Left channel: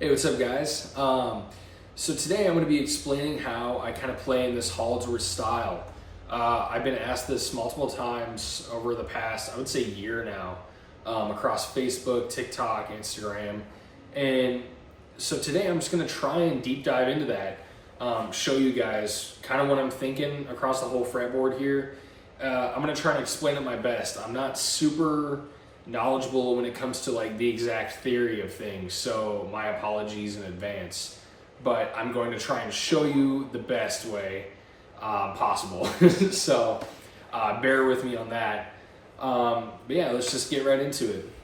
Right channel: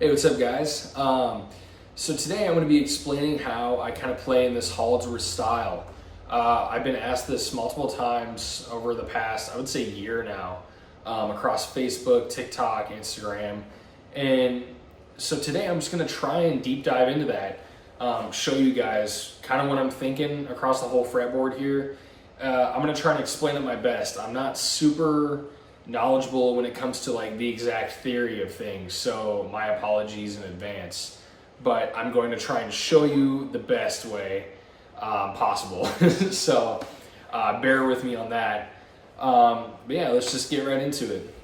Hey, what's up guys? So today I'm going to be explaining how I kind of play in this holdsworth style. I've been asked this multiple times over the past, I would say year now, across Facebook, TikTok, Instagram. And so today I'm just going to try and deep dive into that, show you guys kind of what I'm thinking across the whole fretboard here. I'm going to try and explain it my best. I'm not super knowledgeable when it comes to like the exact theory of things, so my apologies in advance, but I'm going to try and show you the best way possible. So bear with me on that. But yeah, let's just get right into it.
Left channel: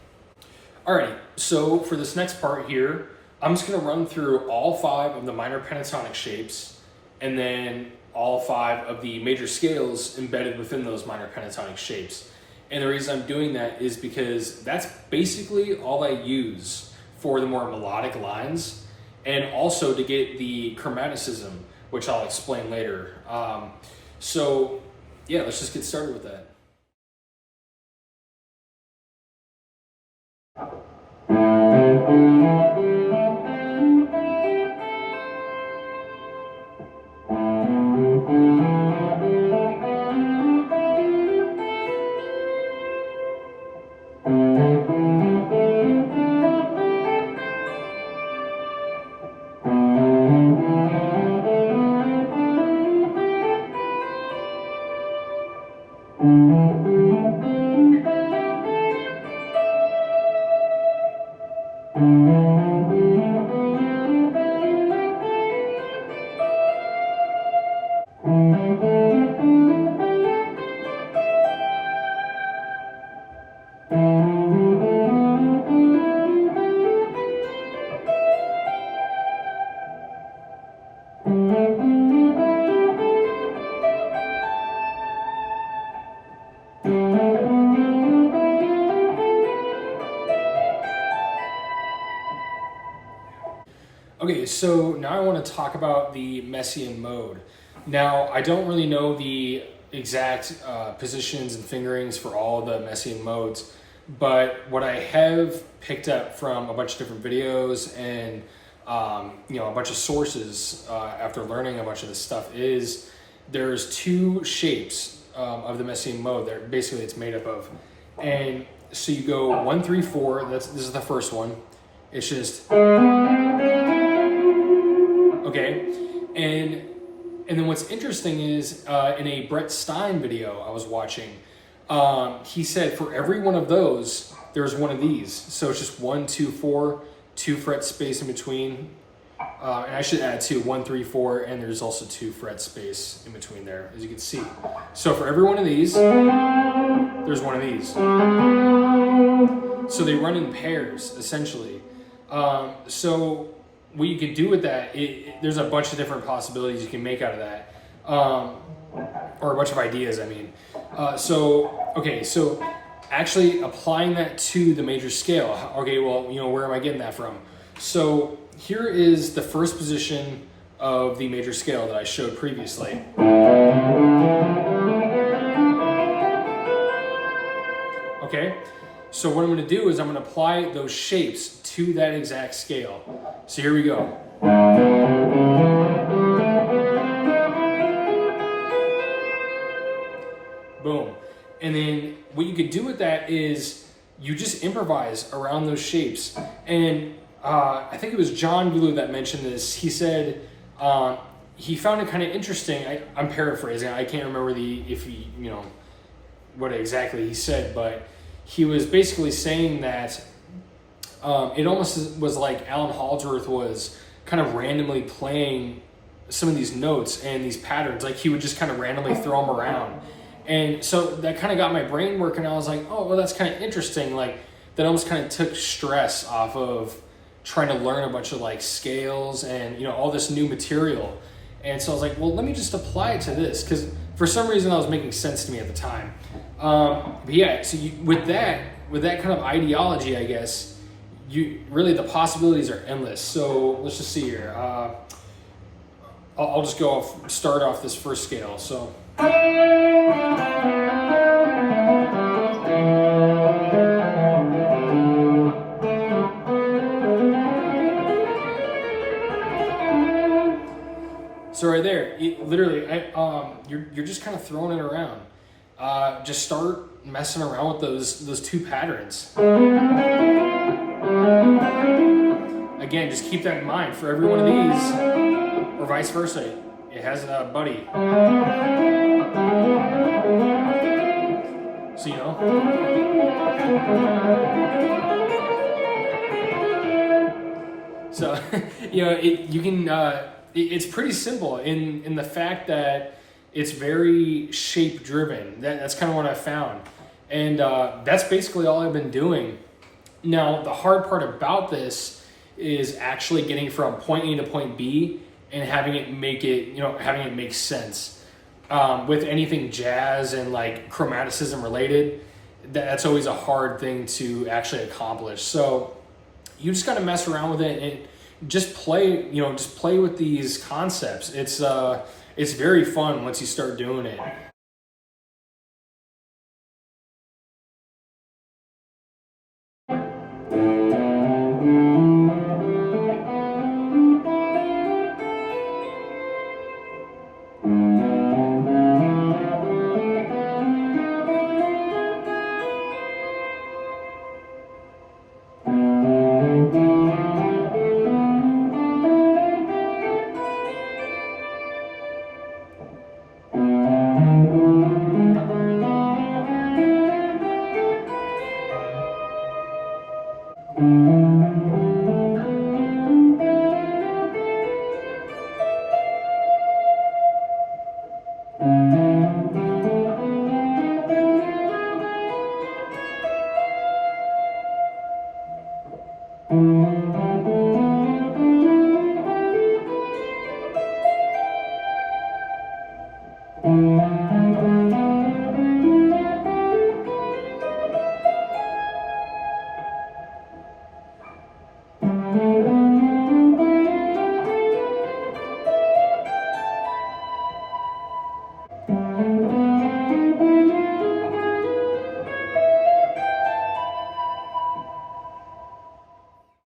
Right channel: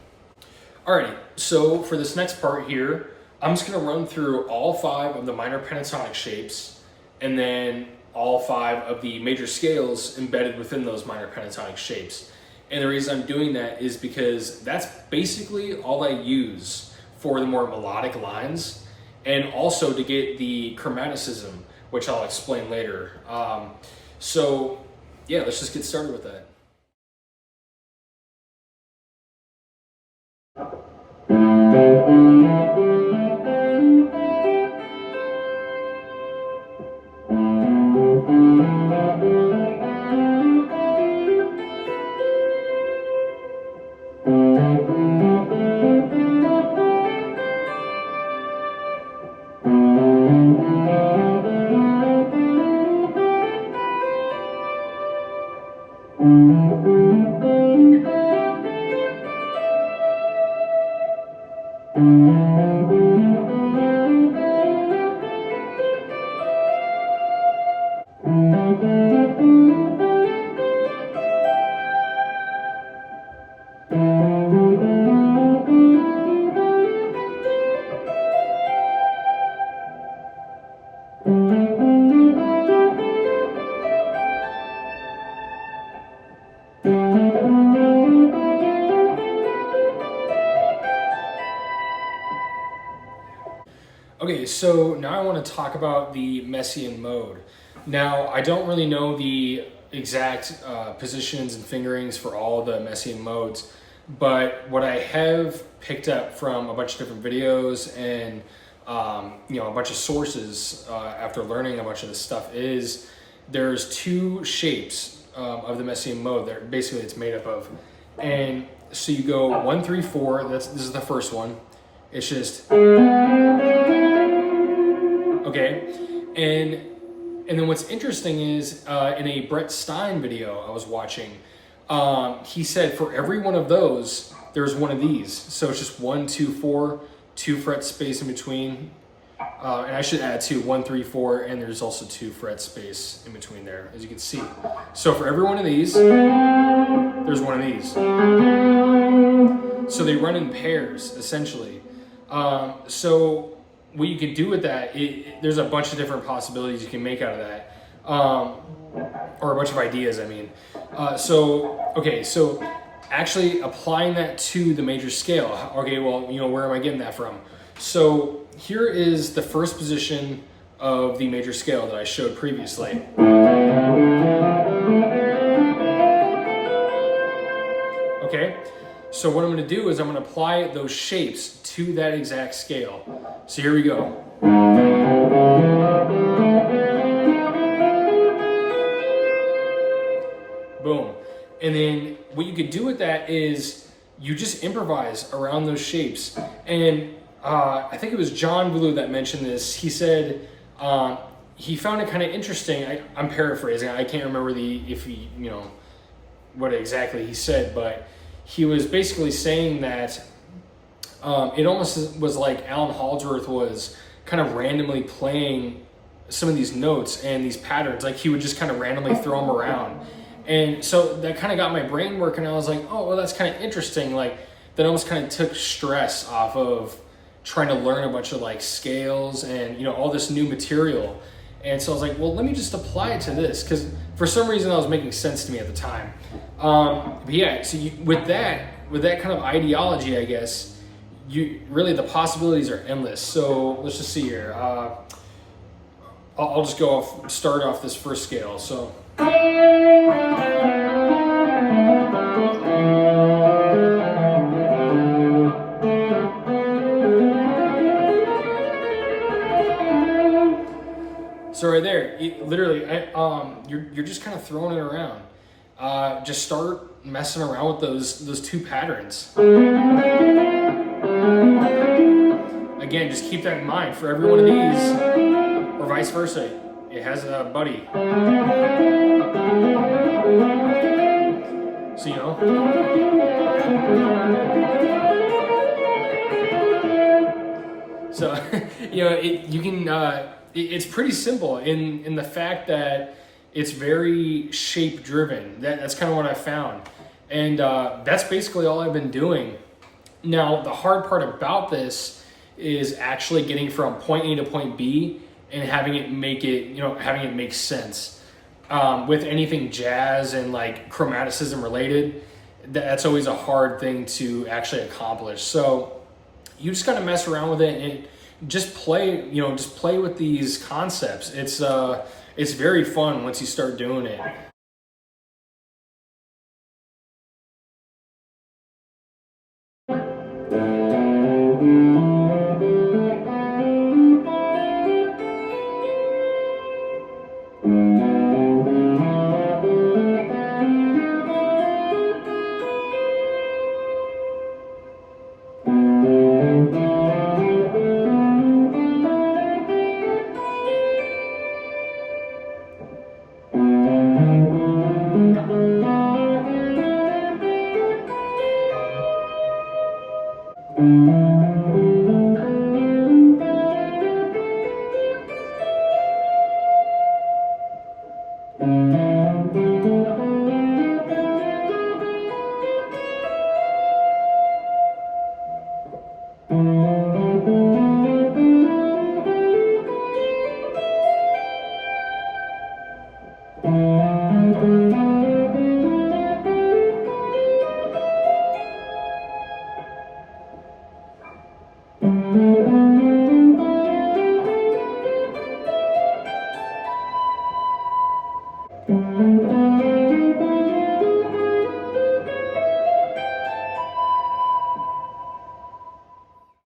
Alrighty, so for this next part here, I'm just going to run through all 5 of the minor pentatonic shapes and then all 5 of the major scales embedded within those minor pentatonic shapes. And the reason I'm doing that is because that's basically all I use for the more melodic lines, and also to get the chromaticism, which I'll explain later. So yeah, let's just get started with that. Okay, so now I want to talk about the Messiaen mode. Now, I don't really know the exact positions and fingerings for all the Messiaen modes, but what I have picked up from a bunch of different videos and a bunch of sources after learning a bunch of this stuff is there's 2 shapes of the Messiaen mode that basically it's made up of. And so you go 1, 3, 4, this is the first one. It's just, okay, and then what's interesting is in a Brett Stein video I was watching, he said for every one of those, there's one of these. So it's just 1, 2, 4, 2 fret space in between. And I should add 2, 1, 3, 4, and there's also 2 fret space in between there, as you can see. So for every one of these, there's one of these. So they run in pairs, essentially. So what you can do with that, there's a bunch of different possibilities you can make out of that, or a bunch of ideas, I mean. So actually applying that to the major scale, okay, well, where am I getting that from? So here is the first position of the major scale that I showed previously. Okay, so what I'm going to do is I'm going to apply those shapes to that exact scale. So here we go. Boom. And then what you could do with that is you just improvise around those shapes. And I think it was John Blue that mentioned this. He said he found it kind of interesting. I'm paraphrasing. I can't remember what exactly he said, but he was basically saying that it almost was like Allan Holdsworth was kind of randomly playing some of these notes and these patterns. Like he would just kind of randomly throw them around. And so that kind of got my brain working. I was like, oh, well, that's kind of interesting. Like that almost kind of took stress off of trying to learn a bunch of like scales and, all this new material. And so I was like, well, let me just apply it to this, because for some reason that was making sense to me at the time. But yeah, so with that kind of ideology, I guess, really the possibilities are endless. So let's just see here. I'll just start off this first scale. So. So right there, literally, you're just kind of throwing it around. Just start messing around with those two patterns. Again, just keep that in mind for every one of these, or vice versa. It has a buddy. So So you can. It's pretty simple in the fact that it's very shape driven. That's kind of what I found, and that's basically all I've been doing. Now the hard part about this is actually getting from point A to point B and having it make sense. With anything jazz and like chromaticism related, that's always a hard thing to actually accomplish. So you just got to mess around with it and just play with these concepts. It's very fun once you start doing it.